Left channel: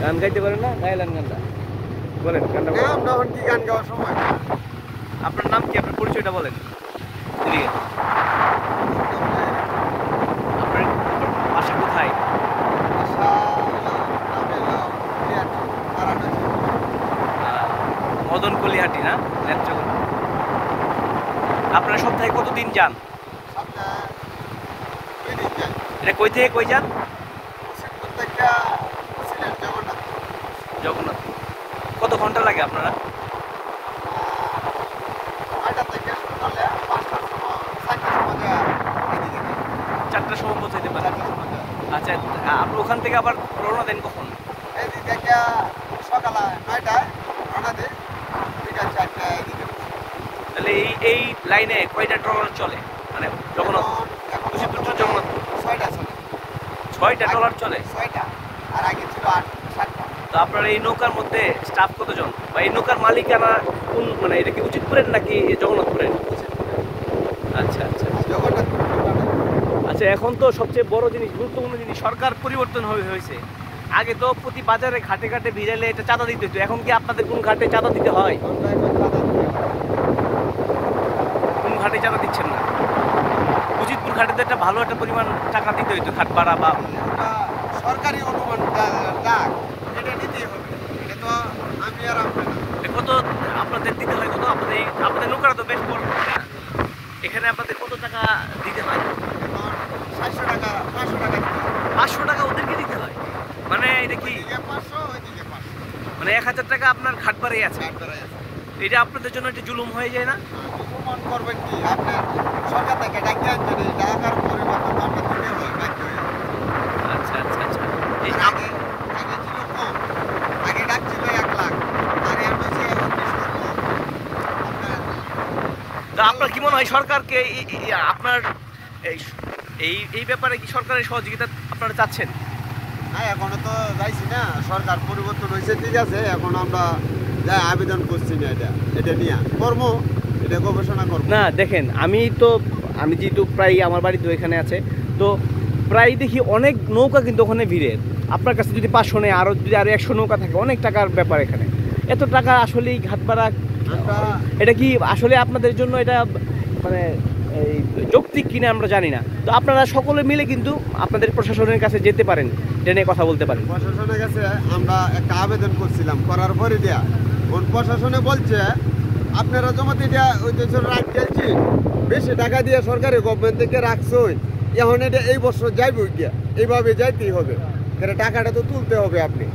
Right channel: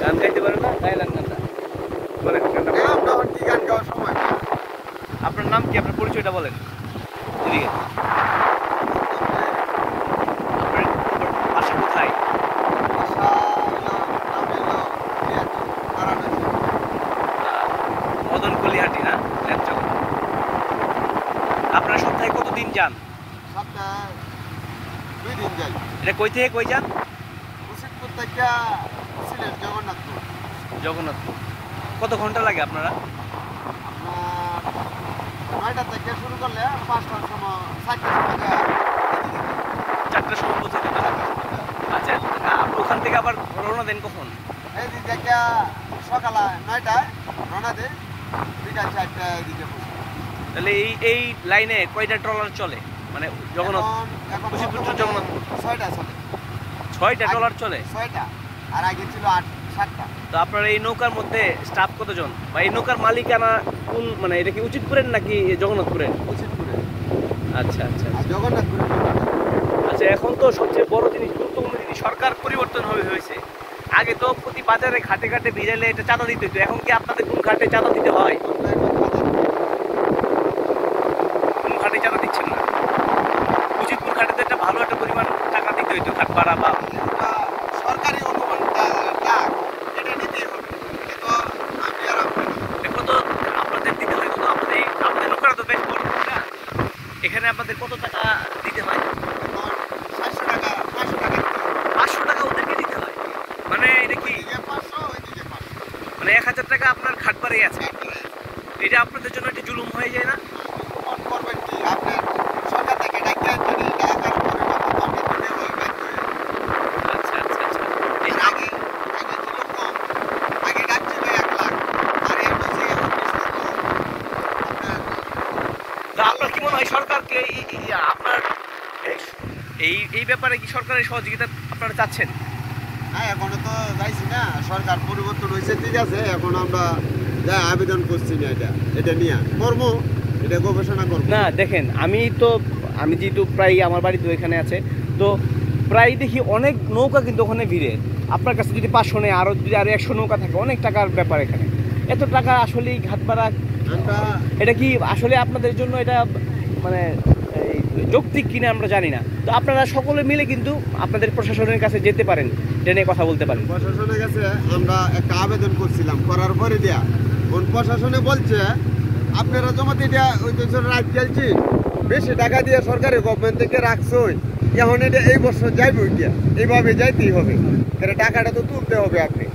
গান গাইতে পারেন না? গাইলেন গানটা বলেন, গানটা বলেন। কি গান গাওয়ার সময়? আপনার নাম কি? আপনার পরিচয়টা বলেন। বাসা কোথায়? মদন কলিহাটি না? আপনারা সপ্তাহে কতদিন যান? সপ্তাহে 2 দিন যাই। এটা কই থেকে কই যান? শিবপুর থেকে সিলেট জগন্নাথ। জগন্নাথ। কত ঘন্টা লাগে আপনারা? 9টা থেকে শুরু করলে 5টার সময় 4টার সময় এদিকে যাই। 4টার সময় পৌঁছে দেন। আচ্ছা, ওখান থেকে আবার রওনা দেন কখন? এদিক থেকে সকালে 9টায় রওনা দিই, বিকাল 4টায় এদিকে। তাহলে এই লাইনে কয়টা ট্রলার চলে? মানে জগন্নাথ এখন জগন্নাথ 6টা চলে। 6টা ট্রলার চলে? 6টা, আর আগে ছিল 7টা। তো আপনার এই নৌকার মধ্যে স্টাফ কতজন, বা এই নৌকার মালিকানা কোন, মানে এটা কি উচিতপুরের নাকি জগন্নাথপুরের? আচ্ছা আচ্ছা জগন্নাথপুর। আচ্ছা, এখন তো সবচেয়ে বড় জিনিস, গুরুত্বপূর্ণ জিনিস, সরকার পরিবর্তন হয়েছে। আগে তো প্রতি বাজারে ঘাটে ঘাটে ভিজাইলে এটা চাঁদা দিতে হতো, এখন কি আপনাদের কোন ঘাটে চাঁদা দিতে হয়? কোন ঘাটে চাঁদা দিচ্ছেন না? উচিতপুর ঘাটে তো একটা ভালো একটা পরিমাণ টাকা দিতে হইতো, ঘাট ভাড়া বা সরকারি অনুমান ডাক, এটা নিতেই হবে। এটা তো আমি আর আপনি কত আপনাদের দিতে হয়? কত আপনাদের নৌকাটা তো বেশ বড়, এখানে আপনাদের কত টাকা দিতে হয়? 700 টাকা 500 টাকা 500 টাকা ওদেরকে দিতে হয়? মানে এটা কি 500, ওইদিকে 500, মানে 1000 টাকা আপনার ঘাট ভাড়াই আছে? এটা আপনাদের জন্য একটা জুলুম হয়ে যায় না? অনুমান করবেন কি আপনার সরকার থেকে ডাক্তার আনছেন, এই টাকার পরিবর্তন আপনি দিতে হয় বাধ্য হয়ে। আচ্ছা আচ্ছা আচ্ছা। আগে আগে ছিল কম, আগে ডাক ছিল 1 লাখ, আর এর বেশি এখন 20 লাখ। তো আপনার কি মনে হয় সরকারকে আপনার এই এই ব্যাপারে কি সরকারের সহযোগিতা আপনারা চাচ্ছেন? হ্যাঁ, এখনো তো যাইছি না, সরকার পরিবর্তন হয়েছে ঠিক আছে, এখন আমরা যা আবেদন করছি না, এটা নিয়ে করবো, এটা গবেষণা করবো। না দেখেন, আমি যেহেতু প্রায় আমার বাড়ি তো এখানে আছে, তো প্রায় দেখি অনেক নৌকা কিন্তু ওখানে ভিড়ে। আপনার কাছে যদি 500 নেয়, যদি আরো 100 নৌকা থাকে, অনেক টাকার ব্যাপার এখানে। এত টাকা আসলে ঘাট ভাড়া, এটা কি আসলে আপনাদের জন্য এটা মানে যৌক্তিক কিনা আমরা জানি না। তো আপনারা সকলে মিলে কিন্তু আপনাদের প্রশাসনের কাছে যেতে পারেন, এটা নিয়ে কথা বলতে পারেন। প্রশাসনের কাছে আমরা একটা আবেদন করছিলাম, করার পরে দেয়া প্রশাসনে বলছে আপনারা জমাতে দেয়া ওই দেশের রাত গেলছি, বেশি টাকা দিয়ে সরকারি গভর্নমেন্ট থেকে রাখছই, এখন এটা এই বছর যাইবে গিয়া, এইভাবে যাইতেই হবে, এটা টাকাটা তো তুলতে হবে আপনি।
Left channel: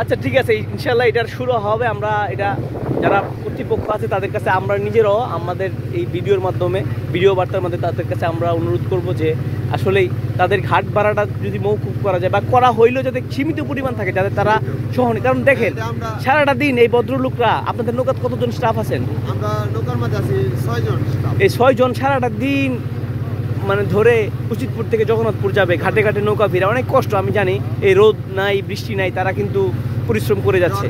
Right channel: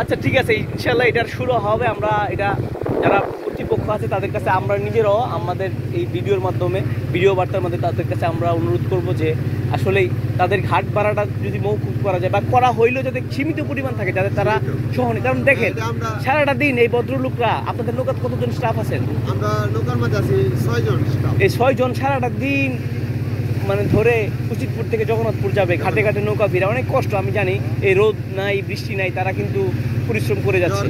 আচ্ছা ঠিক আছে, ইনশাল্লাহ এটার শুরু হবে। আমরা এটা যারা কর্তৃপক্ষ আছে তাদের কাছে আমরা নিজেরাও আমাদের এই ভিডিওর মাধ্যমে, ভিডিও বার্তার মধ্যে তাদের কাছে আমরা অনুরোধ করব যে আসলেই তাদের ঘাট ভাড়াটা যদি মৌকুফ করা যায়, বা করা হইলেও যাতে সীমিত পরিমাণ থাকে, যাতে তারা সহনে। কারণ দেখেন সারাটা দিন এই ভদ্রলোকরা, আপনাদের নৌকাতে কতজন স্টাফ আছেন? আমরা নৌকার মধ্যে আছি 6 জন স্টাফ। এই 6 জন সারাটা দিন মানে ধরে উচিতপুর থেকে জগন্নাথপুর যাবে, ঘাটে ঘাটে নৌকা ভিড়া, অনেক কষ্ট আমি জানি। এই রোদ নাই, বৃষ্টি নাই, তারা কিন্তু পরিশ্রম করে যাচ্ছে,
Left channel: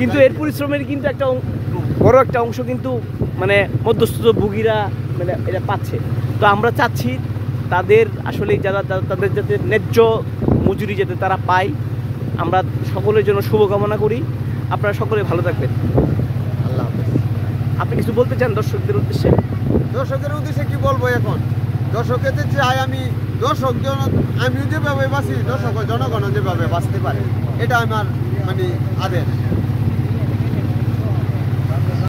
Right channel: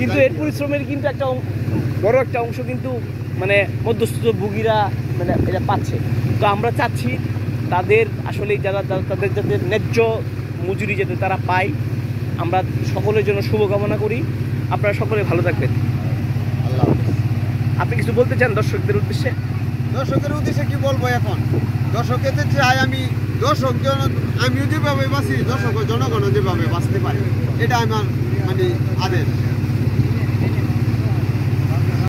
কিন্তু এর পরিশ্রমের কিন্তু একটা বড় একটা অংশ কিন্তু মানে মধ্যস্থ ভোগীরা মানে এটা পাচ্ছে। তো আমরা চাচ্ছি তাদের আসলে যারা তাদের যাতে ন্যায্য মজুরি যাতে তারা পায়, আমরা সকলের জন্য শুভকামনা করি। আপনারা সকলে ভালো থাকবেন। আল্লাহ হাফেজ। আপনি কিছু বলতে চান দর্শকদের উদ্দেশ্যে? দর্শকের উদ্দেশ্যে কি বলবো এখন? দর্শকের চাই আমিও যেভাবে বাঁচি, দর্শক জনগণ যেভাবে বাঁচতে পারে, এটা আমার মানে আদেশ।